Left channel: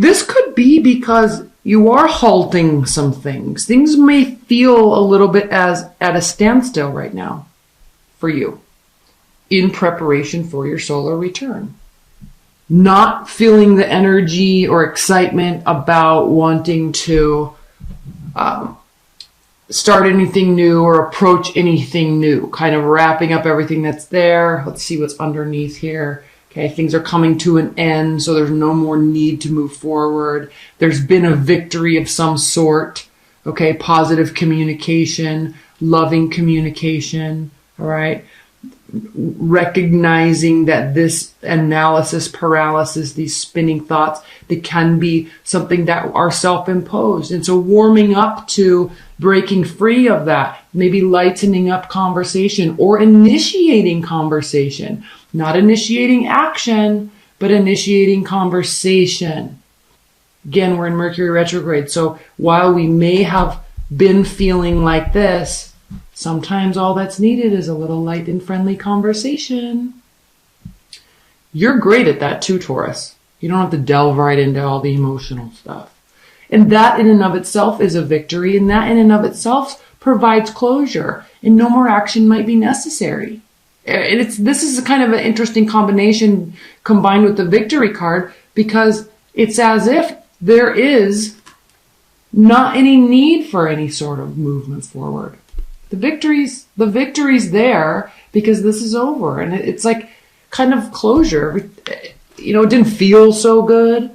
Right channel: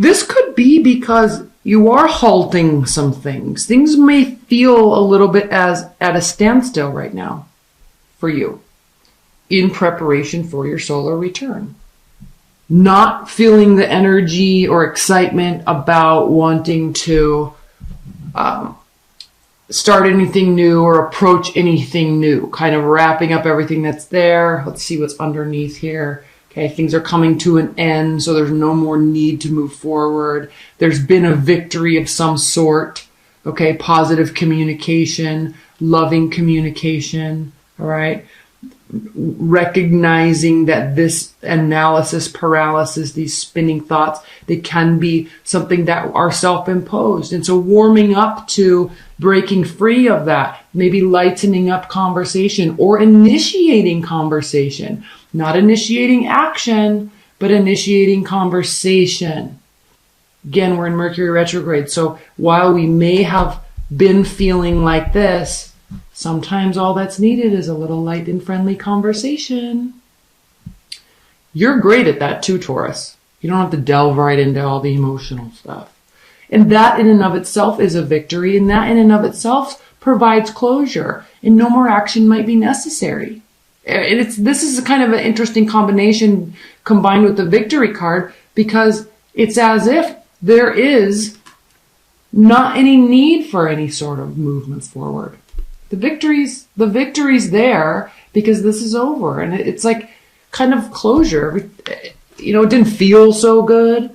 This could be because you are halting some things. Things may feel a little bit as at a standstill right now for you in preparation for your solar return. Not feeling the energy or excitement about wanting to start anything new or approach anything new. Kind of wrapping up everything that's there. Let's see what's underneath here. Okay, things are coming to an end, so there's no more need to move forward. There's been a victory of some sort. Okay, positive communication, loving communication, all right? Recognizing that this analysis paralysis, these spinning thoughts, they can be something that are self-imposed. And so warming up to breaking free of that, maybe lightening up conversation or initiating conversation, not initiating action, but initiating conversation. Again, we're in Mercury retrograde. So while we may have been feeling like this, sometimes all that's needed is a little light and friendly conversation. You're great at that too, Taurus. You don't have to delve right into all the emotional stuff. And that in and of itself is a victory, and that in and of itself provides closure, and no more action might be necessary. And this is a kind of an interesting combination combined with the victory card, because it's as if there is not any need for any sort of movement forward. The victory's there because this is over, and it's like kind of closure. You know, it didn't feel so good.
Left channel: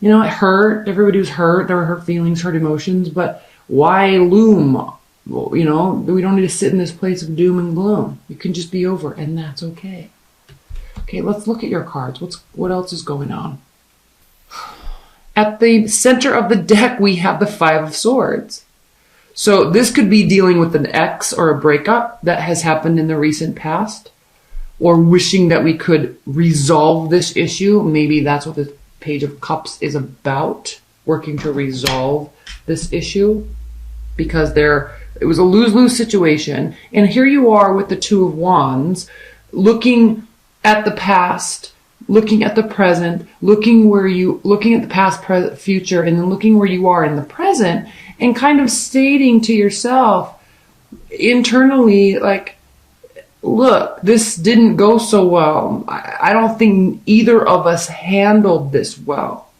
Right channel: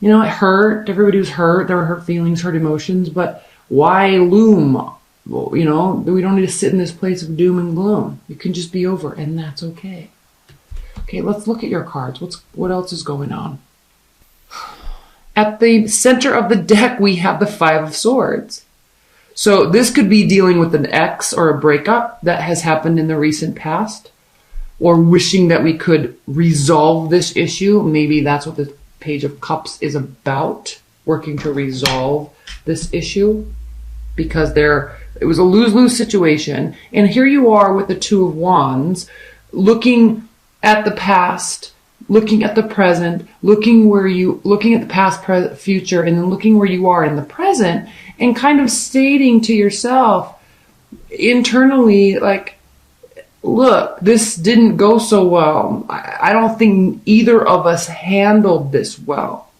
You know, it hurt. Everybody was hurt. There were hurt feelings, hurt emotions, but why loom? You know, we don't need to sit in this place of doom and gloom. You can just be over, and that's okay. Okay, let's look at your cards. What else is going on? At the center of the deck, we have the Five of Swords. So this could be dealing with an ex or a breakup that has happened in the recent past, or wishing that we could resolve this issue. Maybe that's what the Page of Cups is about, working to resolve this issue, because it was a lose-lose situation. And here you are with the Two of Wands, looking at the past, looking at the present, looking at the past, present, future, and then looking where you are in the present, and kind of stating to yourself internally, like, look, this didn't go so well. I don't think either of us handled this well.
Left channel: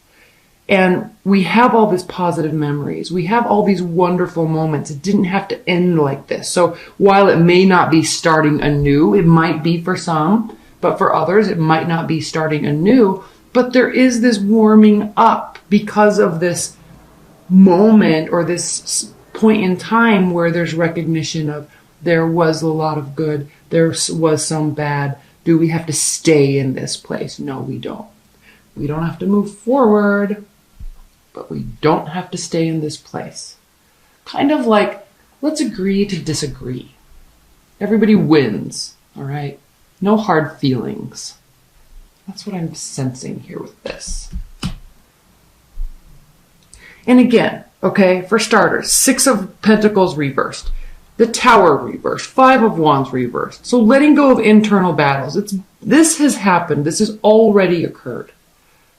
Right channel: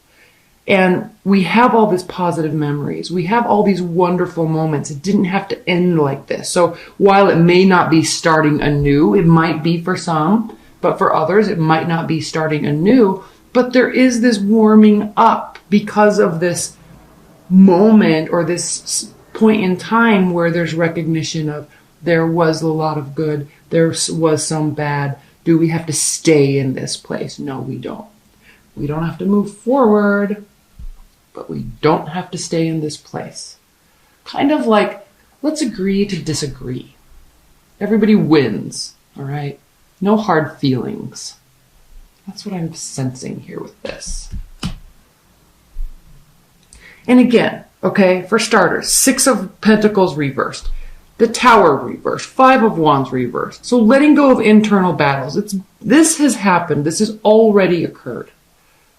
And we have all these positive memories. We have all these wonderful moments. It didn't have to end like this. So while it may not be starting anew, it might be for some, but for others, it might not be starting anew. But there is this warming up because of this moment or this point in time where there's recognition of there was a lot of good, there was some bad. Do we have to stay in this place? No, we don't. We don't have to move forward, but we don't have to stay in this place. Kind of like, let's agree to disagree. Everybody wins, all right? No hard feelings. That's what I'm sensing here with this. And again, okay, for starters, Six of Pentacles reversed. The Tower reversed. Five of Wands reversed. So letting go of internal battles. This has happened. This has already occurred.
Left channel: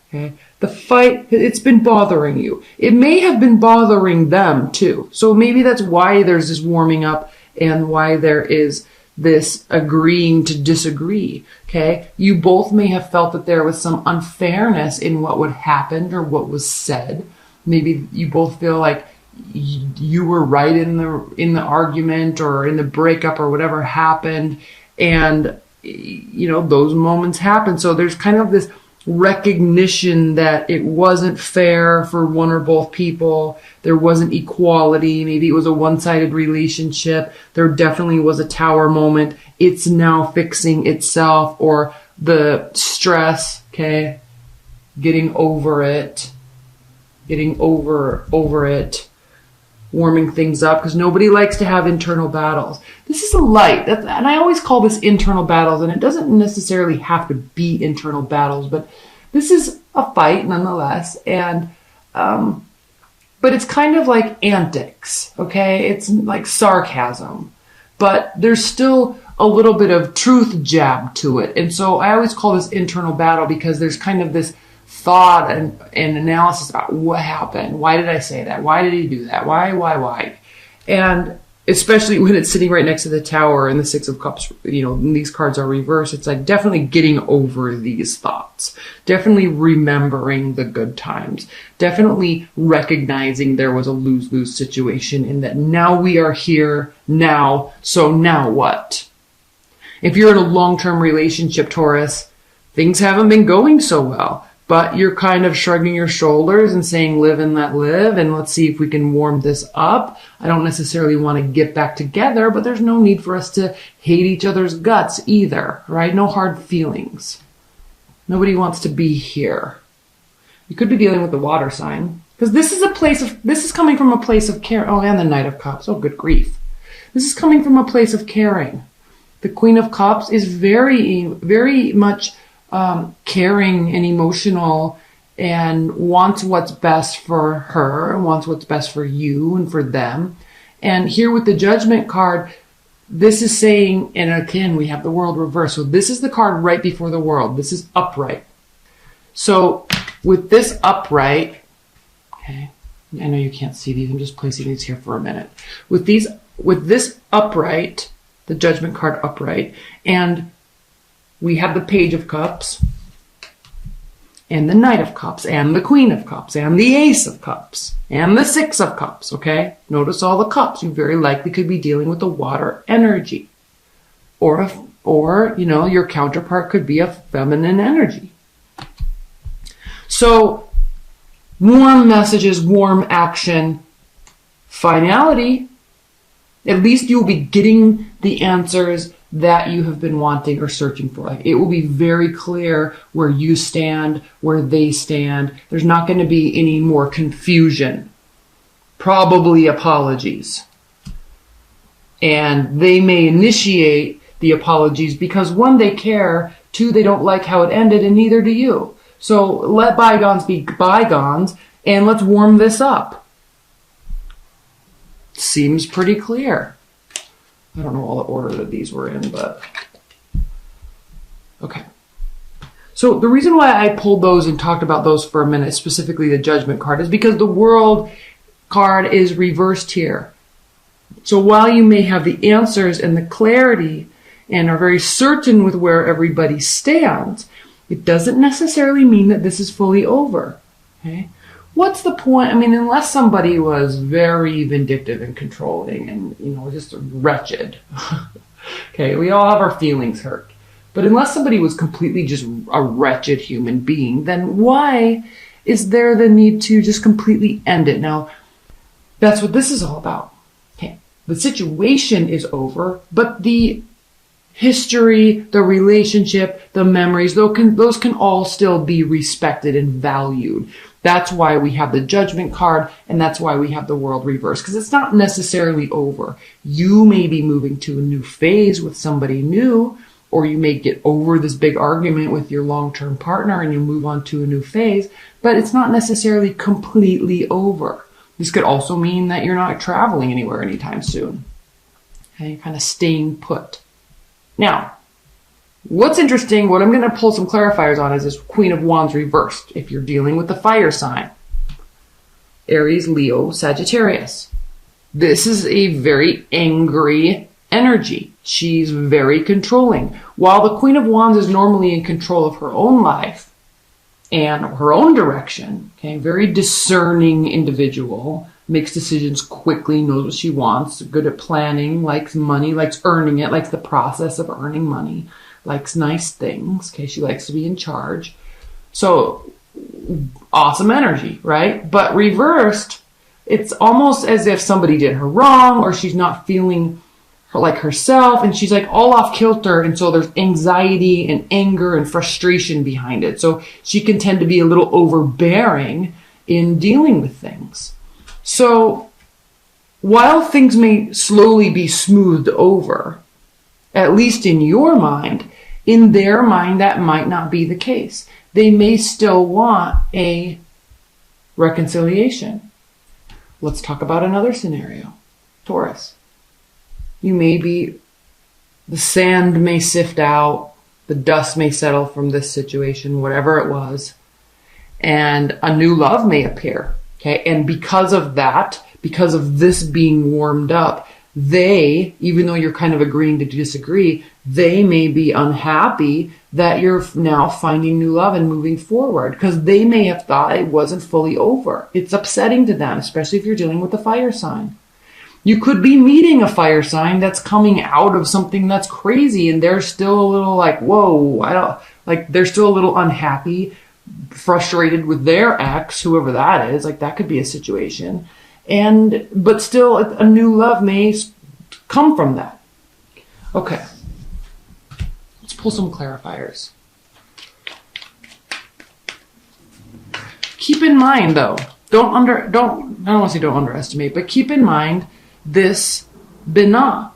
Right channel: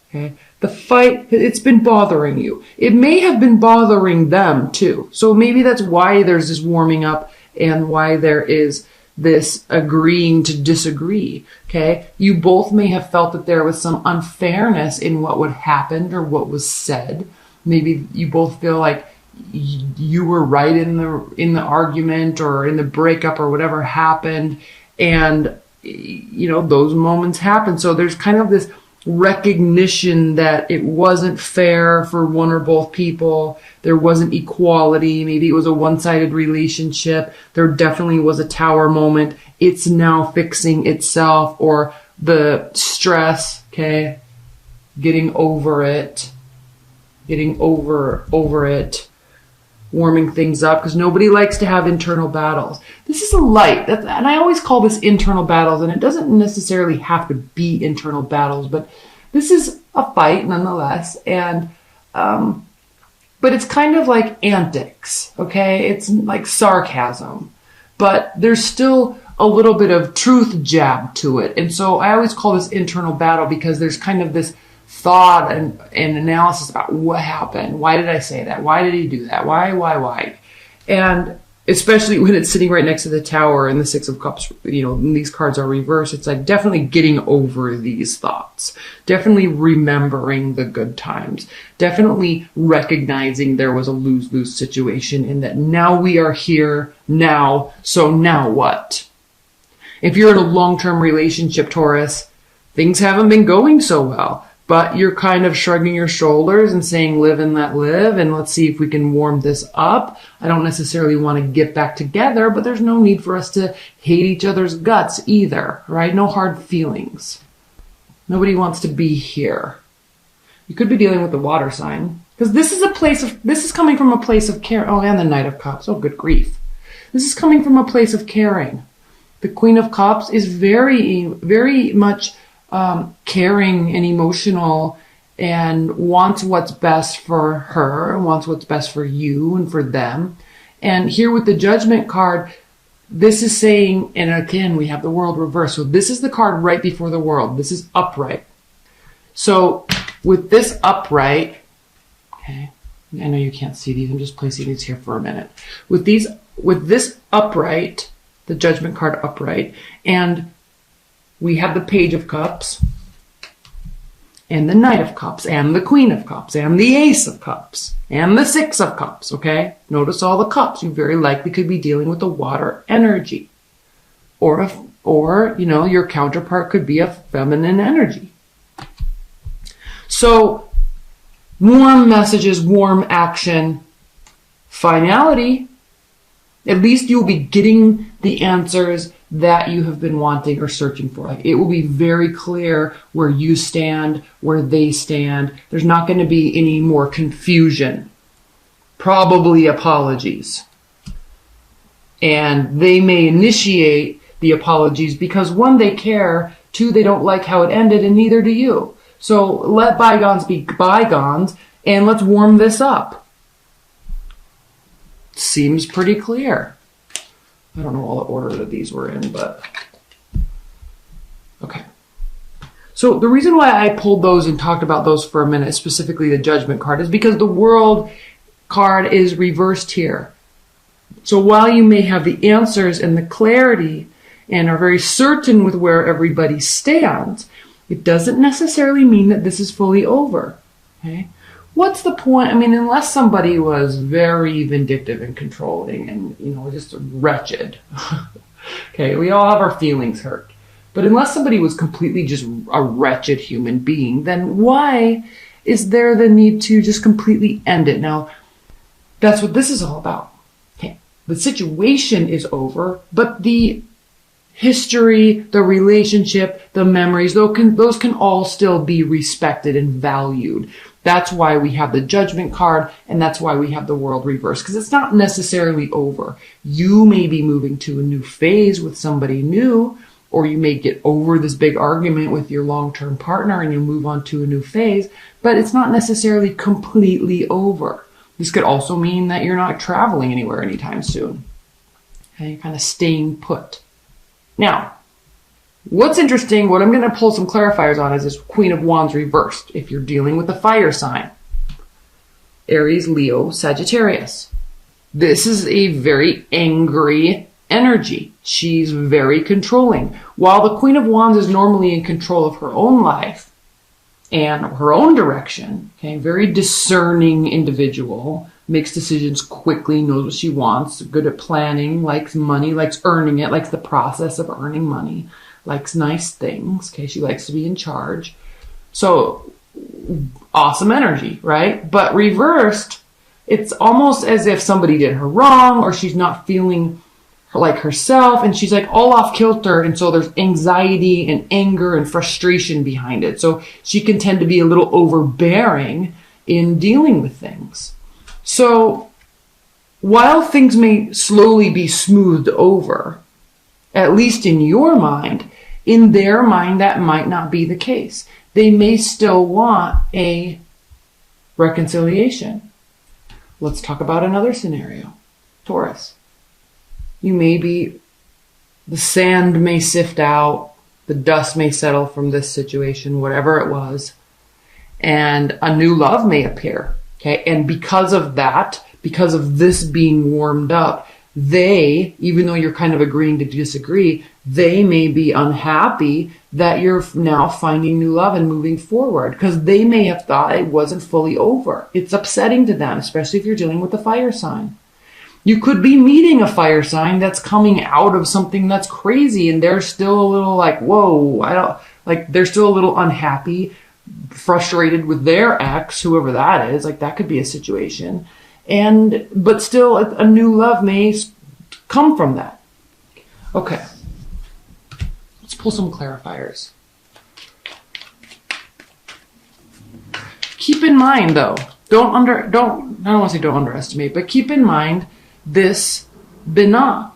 Okay? The fight, it's been bothering you. It may have been bothering them too. So maybe that's why there's this warming up and why there is this agreeing to disagree. Okay? You both may have felt that there was some unfairness in what would happen or what was said. Maybe you both feel like you were right in the argument or in the breakup or whatever happened, and you know those moments happen. So there's kind of this recognition that it wasn't fair for one or both people. There wasn't equality. Maybe it was a one-sided relationship. There definitely was a Tower moment. It's now fixing itself, or the stress, okay, getting over it, warming things up, because nobody likes to have internal battles. This is a light, and I always call this internal battles, and it doesn't necessarily have to be internal battles, but this is a fight nonetheless, and but it's kind of like antics, okay? It's like sarcasm, but there's still a little bit of truth jab to it, and so I always call this internal battle because there's kind of this thought and analysis about what happened. Why did I say that? Why did he do that? Why? And especially when it's sitting right next to the Tower and the Six of Cups, these cards are reversed. It's like definitely getting over these thoughts. Definitely remembering the good times. Definitely recognizing there was a lose-lose situation and that now we are here now. So now what? If you're in a long-term relationship, Taurus, things haven't been going so well. But you're kind of shrugging your shoulders and saying, live and let live, and let's see if we can warm this up. I don't necessarily want to get back together, but there's no need for us to hate each other's guts either, right? No hard feelings. Nobody wants to be here. You could be dealing with the water sign, because this is coming from a place of care. Oh, and the Knight of Cups. Oh, good grief. This is coming from a place of caring. The Queen of Cups is very, very much caring and emotional and wants what's best for her, wants what's best for you and for them. And here with the Judgment card, this is saying, and again, we have the World reversed. So this is the card right before the World. This is upright. So with this upright, okay, I know you can't see these. I'm just placing these here for a minute. With this upright, the Judgment card upright, and we have the Page of Cups, and the Knight of Cups, and the Queen of Cups, and the Ace of Cups, and the Six of Cups, okay? Notice all the cups. You very likely could be dealing with a water energy. Or your counterpart could be a feminine energy. So, warm messages, warm action, finality. At least you'll be getting the answers that you have been wanting or searching for. Like, it will be very clear where you stand, where they stand. There's not going to be any more confusion. Probably apologies. And they may initiate the apologies because one, they care, two, they don't like how it ended, and neither do you. So let bygones be bygones, and let's warm this up. Seems pretty clear. I don't know all the order that these were in, but okay. So the reason why I pulled those and talked about those for a minute, specifically the Judgment card, is because the World card is reversed here. So while you may have the answers and the clarity and are very certain with where everybody stands, it doesn't necessarily mean that this is fully over. Okay? What's the point? I mean, unless somebody was very vindictive and controlling and, just wretched. Okay, we all have our feelings hurt. But unless somebody was completely just a wretched human being, then why is there the need to just completely end it? Now, that's what this is all about. Okay, the situation is over, but the history, the relationship, the memories, those can all still be respected and valued. That's why we have the Judgment card, and that's why we have the World reversed, because it's not necessarily over. You may be moving to a new phase with somebody new, or you may get over this big argument with your long-term partner and you move on to a new phase, but it's not necessarily completely over. This could also mean that you're not traveling anywhere anytime soon. Okay, kind of staying put. Now, what's interesting, what I'm going to pull some clarifiers on is this Queen of Wands reversed. If you're dealing with the fire sign, Aries, Leo, Sagittarius. This is a very angry energy. She's very controlling. While the Queen of Wands is normally in control of her own life and her own direction, okay, very discerning individual, makes decisions quickly, knows what she wants, good at planning, likes money, likes earning it, likes the process of earning money, likes nice things, okay, she likes to be in charge. So, awesome energy, right? But reversed, it's almost as if somebody did her wrong, or she's not feeling like herself, and she's like all off kilter, and so there's anxiety and anger and frustration behind it. So she can tend to be a little overbearing in dealing with things. So while things may slowly be smoothed over, at least in your mind, in their mind that might not be the case. They may still want a reconciliation. Let's talk about another scenario. Taurus. The sand may sift out, the dust may settle from this situation, whatever it was, and a new love may appear. Okay. And because of that, because of this being warmed up, they, even though you're kind of agreeing to disagree, they may be unhappy that you're now finding new love and moving forward, because they may have thought it wasn't fully over. It's upsetting to them, especially if you're dealing with a fire sign. You could be meeting a fire sign that's coming out of something that's crazy, and they're still a little like, whoa, they're still a little unhappy, frustrated with their ex, whoever that is. Like, that could be a situation. But still, a new love may come from that. Okay. Let's pull some clarifiers. Keep in mind, though, I don't want to say don't underestimate, but keep in mind this Binah.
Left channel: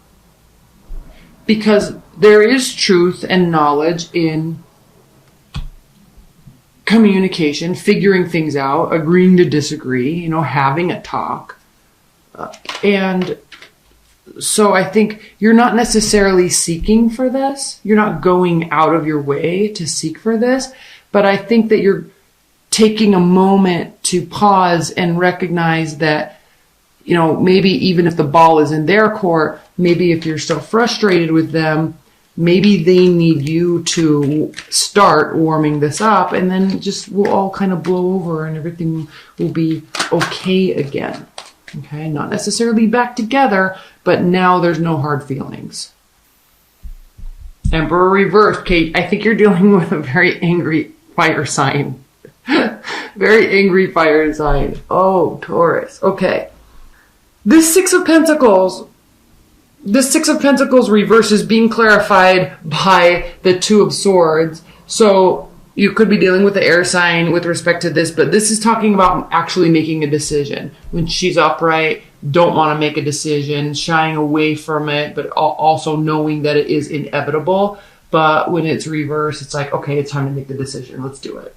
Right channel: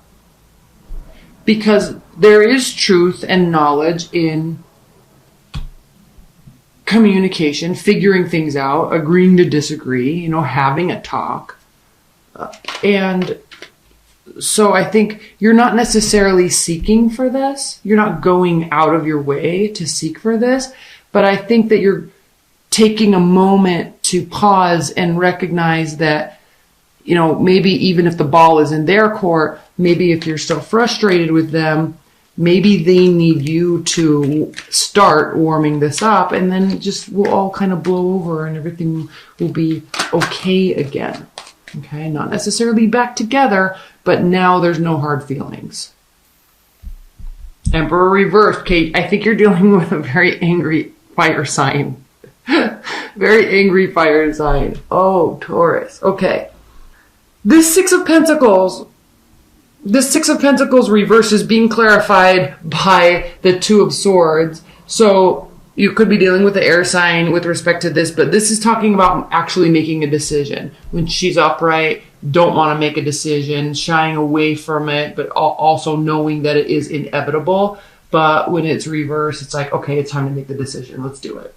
Because there is truth and knowledge in communication, figuring things out, agreeing to disagree, having a talk. And so I think you're not necessarily seeking for this. You're not going out of your way to seek for this. But I think that you're taking a moment to pause and recognize that, maybe even if the ball is in their court, maybe if you're still frustrated with them, maybe they need you to start warming this up, and then it just will all kind of blow over and everything will be okay again. Okay, not necessarily back together, but now there's no hard feelings. Emperor reversed. Okay, I think you're dealing with a very angry fire sign. Very angry fire sign. Oh, Taurus. Okay. This Six of Pentacles reverse is being clarified by the Two of Swords. So you could be dealing with the air sign with respect to this, but this is talking about actually making a decision. When she's upright, don't want to make a decision, shying away from it, but also knowing that it is inevitable. But when it's reversed, it's like, okay, it's time to make the decision. Let's do it.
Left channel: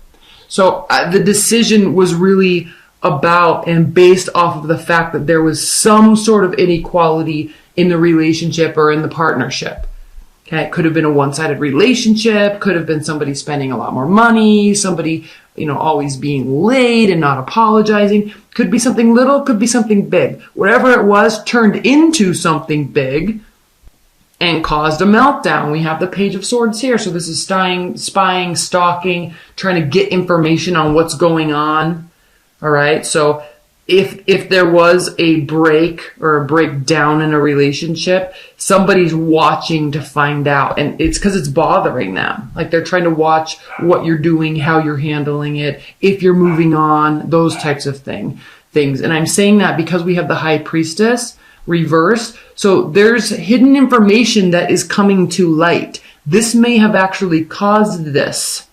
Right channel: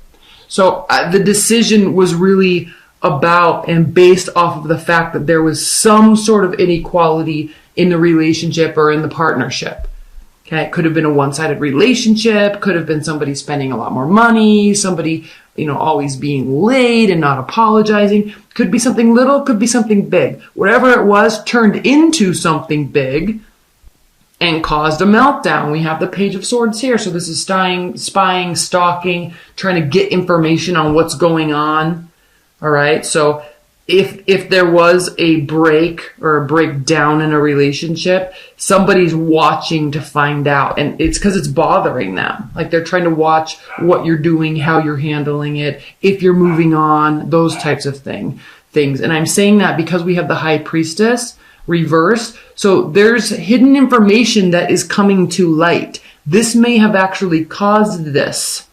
So the decision was really about and based off of the fact that there was some sort of inequality in the relationship or in the partnership. Okay, it could have been a one-sided relationship, could have been somebody spending a lot more money, somebody, always being late and not apologizing. Could be something little, could be something big. Whatever it was turned into something big and caused a meltdown. We have the Page of Swords here. So this is spying, stalking, trying to get information on what's going on. All right, so if there was a break or a breakdown in a relationship, somebody's watching to find out. And it's because it's bothering them. Like, they're trying to watch what you're doing, how you're handling it, if you're moving on, those types of things. And I'm saying that because we have the High Priestess reversed. So there's hidden information that is coming to light. This may have actually caused this.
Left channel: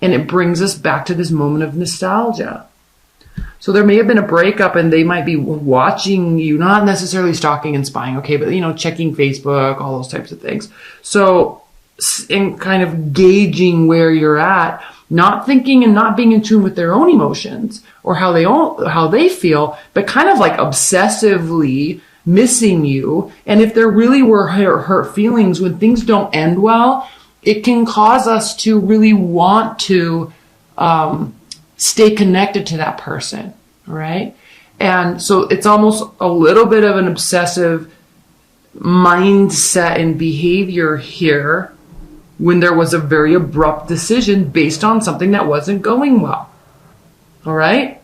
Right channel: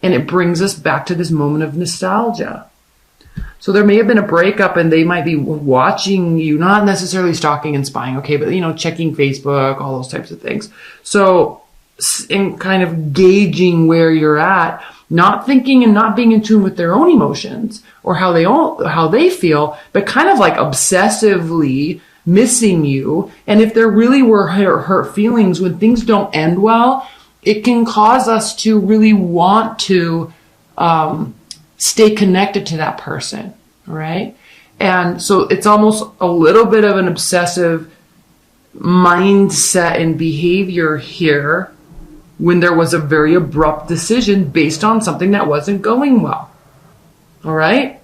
And it brings us back to this moment of nostalgia. So there may have been a breakup and they might be watching you, not necessarily stalking and spying, okay, but, checking Facebook, all those types of things. So in kind of gauging where you're at, not thinking and not being in tune with their own emotions or how they feel, but kind of like obsessively missing you. And if there really were hurt feelings, when things don't end well, it can cause us to really want to, stay connected to that person, right? And so it's almost a little bit of an obsessive mindset and behavior here when there was a very abrupt decision based on something that wasn't going well. All right?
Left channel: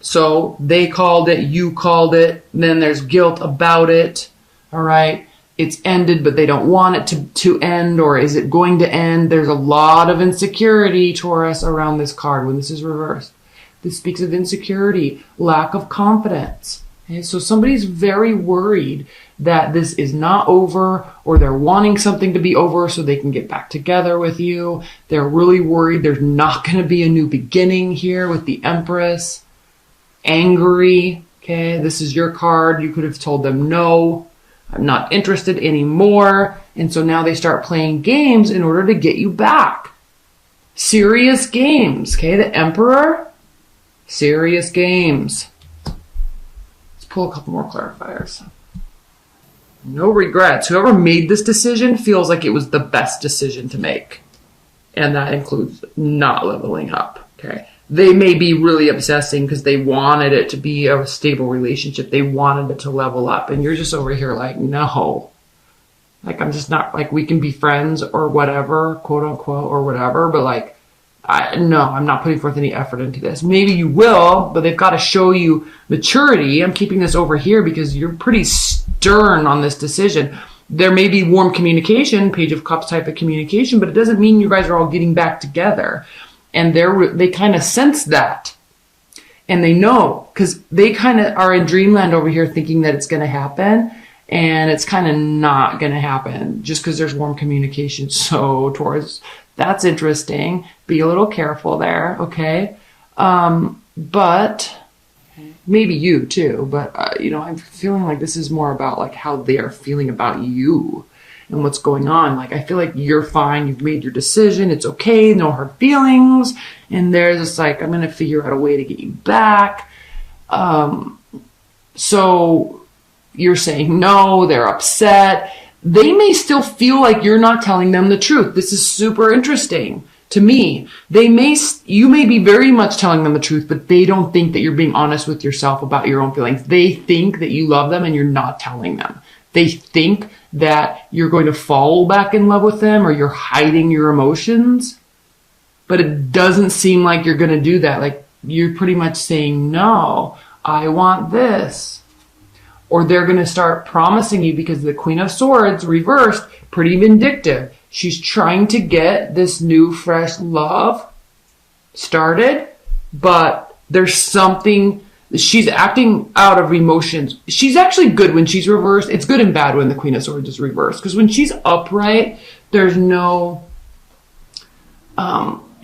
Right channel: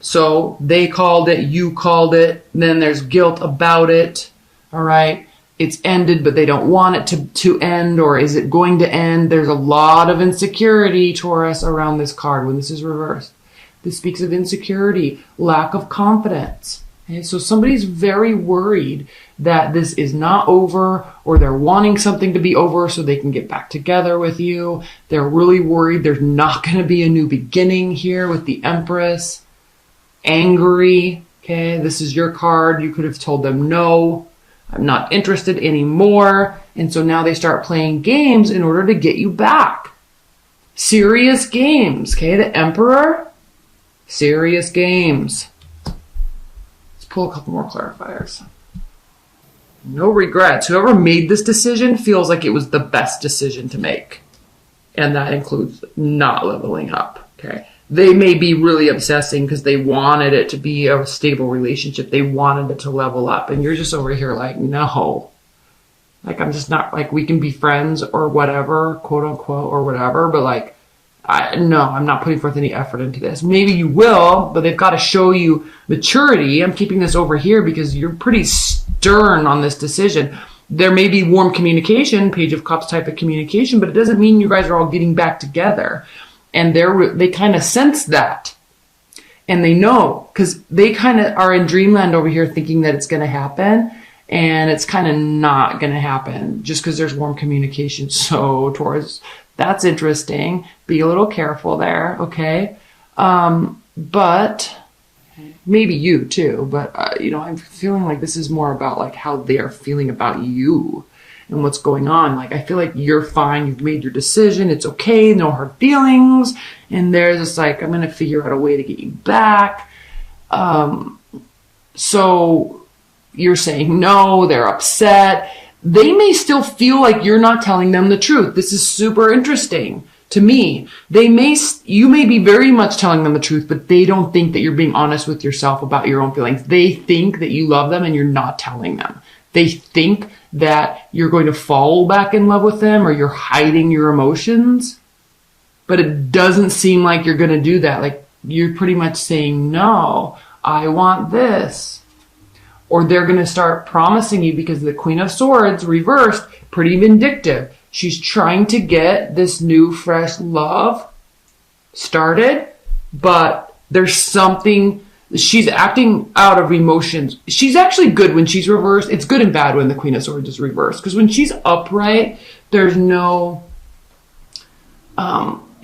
So they called it, you called it, then there's guilt about it. All right? It's ended, but they don't want it to end, or is it going to end? There's a lot of insecurity, Taurus, around this card when this is reversed. This speaks of insecurity, lack of confidence. Okay, so somebody's very worried that this is not over, or they're wanting something to be over so they can get back together with you. They're really worried there's not going to be a new beginning here with the Empress. Angry. Okay, this is your card. You could have told them no. I'm not interested anymore. And so now they start playing games in order to get you back. Serious games. Okay, the Emperor. Serious games. Let's pull a couple more clarifiers. No regrets. Whoever made this decision feels like it was the best decision to make. And that includes not leveling up. Okay. they may be really obsessing because they wanted it to be a stable relationship. They wanted it to level up. And you're just over here like, no. Like, I'm just not, like, we can be friends or whatever, quote unquote, or whatever. But, like, no, I'm not putting forth any effort into this. Maybe you will, but they've got to show you maturity. I'm keeping this over here because you're pretty stern on this decision. There may be warm communication, Page of Cups type of communication, but it doesn't mean you guys are all getting back together. And they kind of sense that. And they know, because they kind of are in dreamland over here thinking that it's going to happen. And it's kind of not going to happen just because there's warm communication. So Taurus, that's interesting. Be a little careful there, okay? But maybe you too. But, I'm feeling like this is more about like how they're feeling about you. And what's going on. Like, I feel like you're fine. You've made your decision. It's okay. No hard feelings. And they're just like, I'm going to figure out a way to get you back. So you're saying no. They're upset. They may still feel like you're not telling them the truth. This is super interesting to me. You may be very much telling them the truth, but they don't think that you're being honest with yourself about your own feelings. They think that you love them and you're not telling them. They think that you're going to fall back in love with them or you're hiding your emotions. But it doesn't seem like you're going to do that. Like, you're pretty much saying, no, I want this. Or they're going to start promising you, because the Queen of Swords reversed, pretty vindictive. She's trying to get this new, fresh love started, but there's something. She's acting out of emotions. She's actually good when she's reversed. It's good and bad when the Queen of Swords is reversed. Because when she's upright, there's no...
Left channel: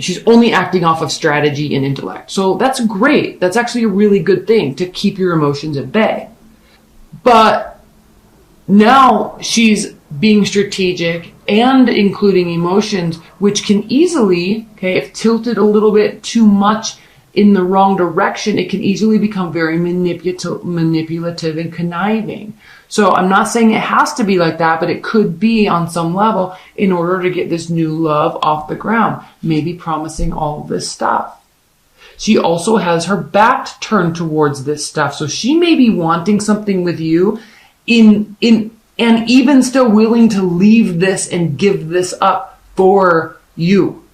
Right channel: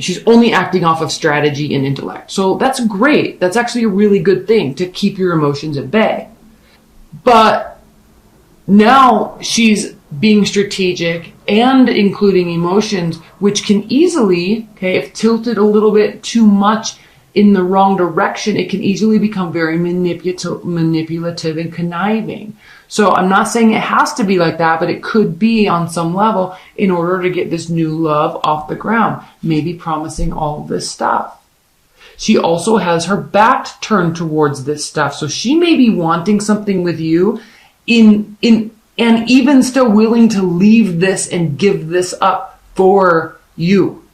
she's only acting off of strategy and intellect. So that's great. That's actually a really good thing to keep your emotions at bay. But now she's being strategic and including emotions, which can easily, if tilted a little bit too much in the wrong direction, it can easily become very manipulative and conniving. So I'm not saying it has to be like that, but it could be on some level in order to get this new love off the ground, maybe promising all this stuff. She also has her back turned towards this stuff. So she may be wanting something with you and even still willing to leave this and give this up for you.